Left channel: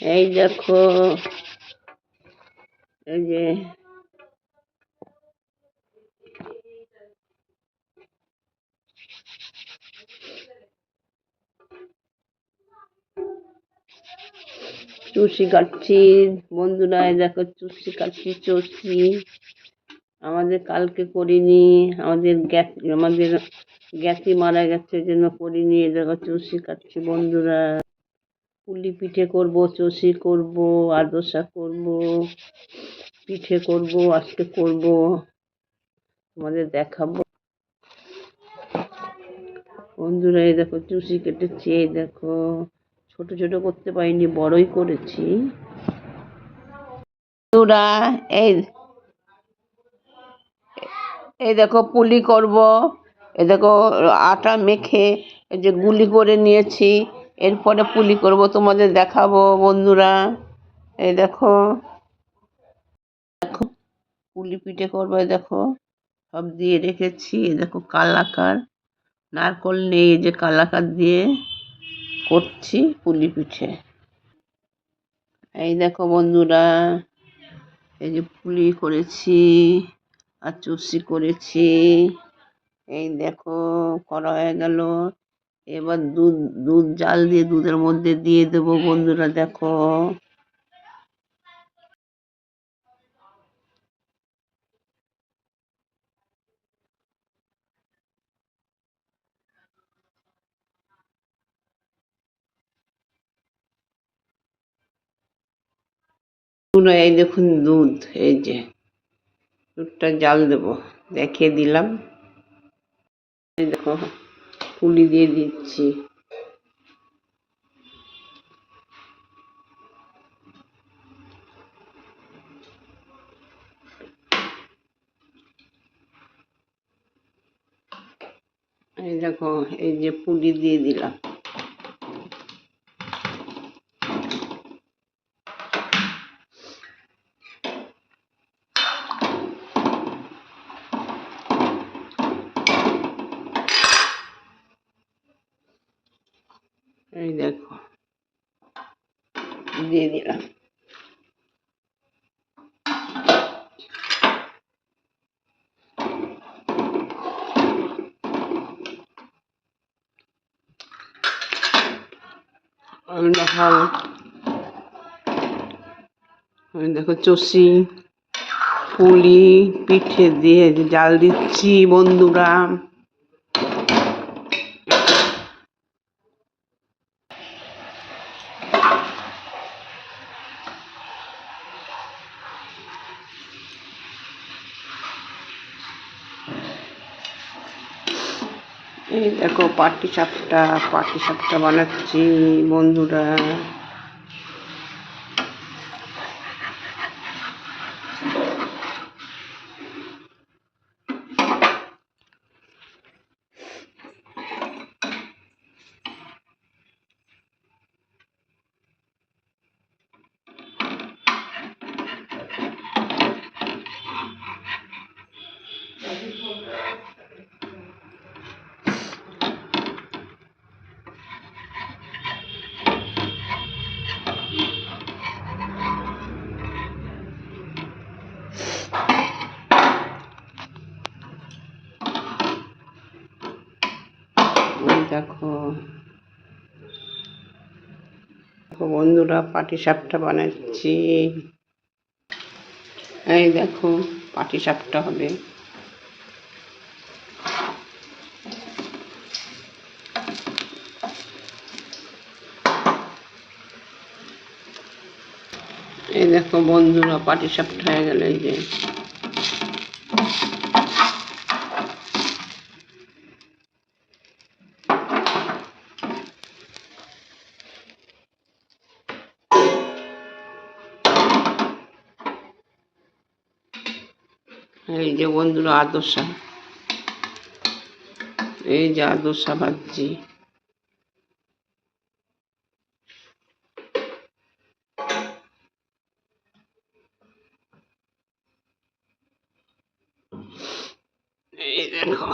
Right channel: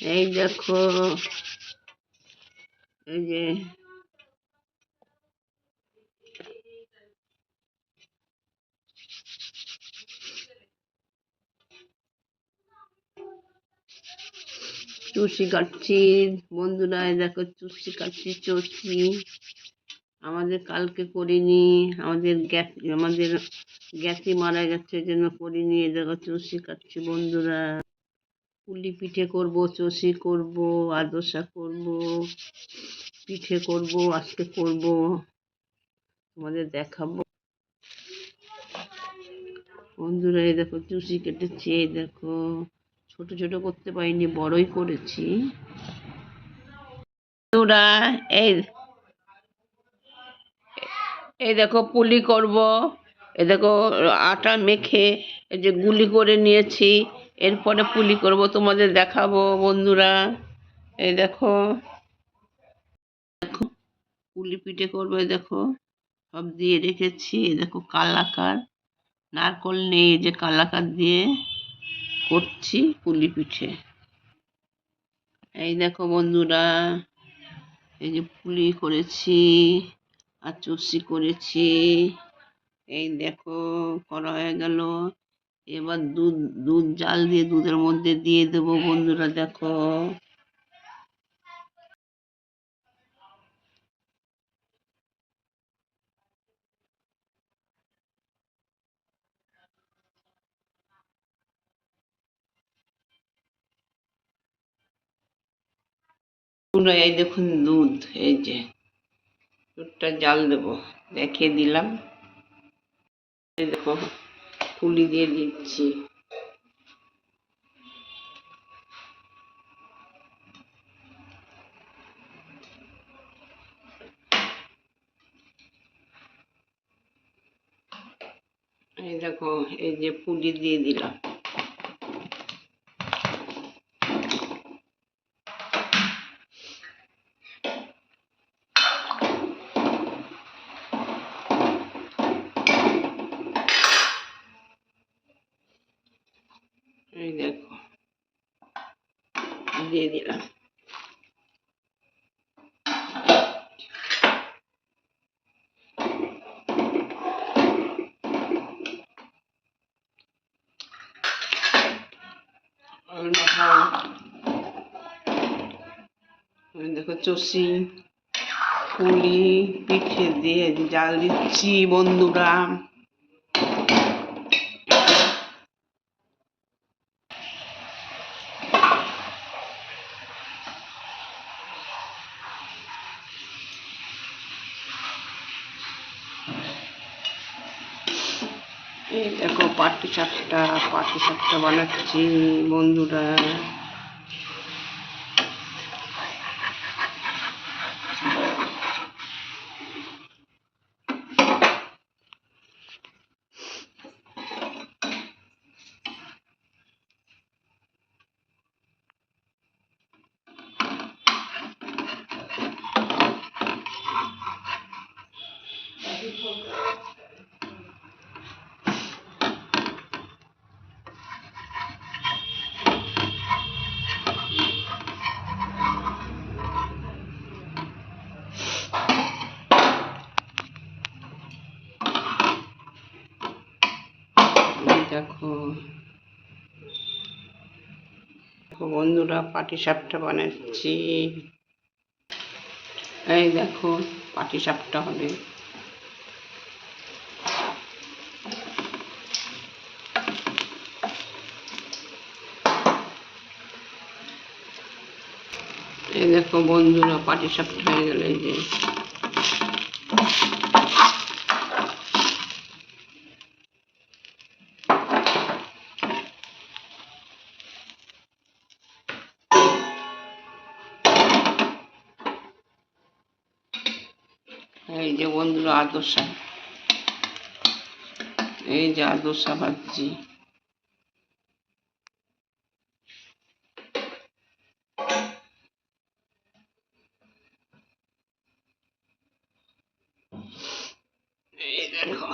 এই দেখো, এই যে চুষি কাটছি বন্ধুরা, দেখো চুষি কাটছি চষছি। আমাদের কালকে করিনি, আমাদের গ্যাসি মারা গেছে, এই জন্য করিনি। দেখো চুষি কাটছি বন্ধুরা। পুলি পিঠে করব, চষি করব, আদোসা করব, পিঠে করব, আজকে করব, তোমাদের দেখাবো বন্ধুরা। এই দেখো চুষি কেটেছি, এই দেখো ছোট ছোট করতে পারিনি, বড়ই করেছি বন্ধুরা। এই এই দেখো পুলি করব। এই দেখো আটা মেখে এই যে গুলি করে নিয়েছি, এরপরে পুলি করব, তোমাদের দেখাবো বন্ধুরা। এই দেখো, দেখো পুলি পিঠে করবো। এই দেখো সব দিয়ে রেখেছি। এই দেখো কালাকার, নারকল নেই, এই যে কালাকার দিয়ে করছি পুলি পিঠে। এই দেখো বন্ধুরা, এই যে পুলি করেছি আর চুষি করেছি। এই দেখো করা হয়ে গেল। এবার দুধ দুধ জাল দিয়ে দুধের মধ্যে দিয়ে দেবো বন্ধুরা। দেখো এই দেখুন দুধ, এই যে দুধটা জাল দেবো, দেখিয়ে দিলাম। এই দেখো পুলি দিয়ে দিচ্ছি। এই দেখো এই যে পুলি দিয়ে দিলাম। এই দেখো দিয়ে দিলাম। দেখো চষি পুলি পিঠে দিয়ে জাল দিচ্ছি বন্ধুরা। এই দেখো পাটি সাপটা বানাচ্ছি বন্ধুরা। দেখো বন্ধুরা পাটিসাপটা বানাচ্ছি। এই দেখো পাটিসাপটা হবে। এই দেখো বন্ধুরা পাটিসাপটা হয়ে গেল। এই যে এই যে বন্ধুরা আদর্শা, এই যে আদর্শা ভাজছি। এই দেখো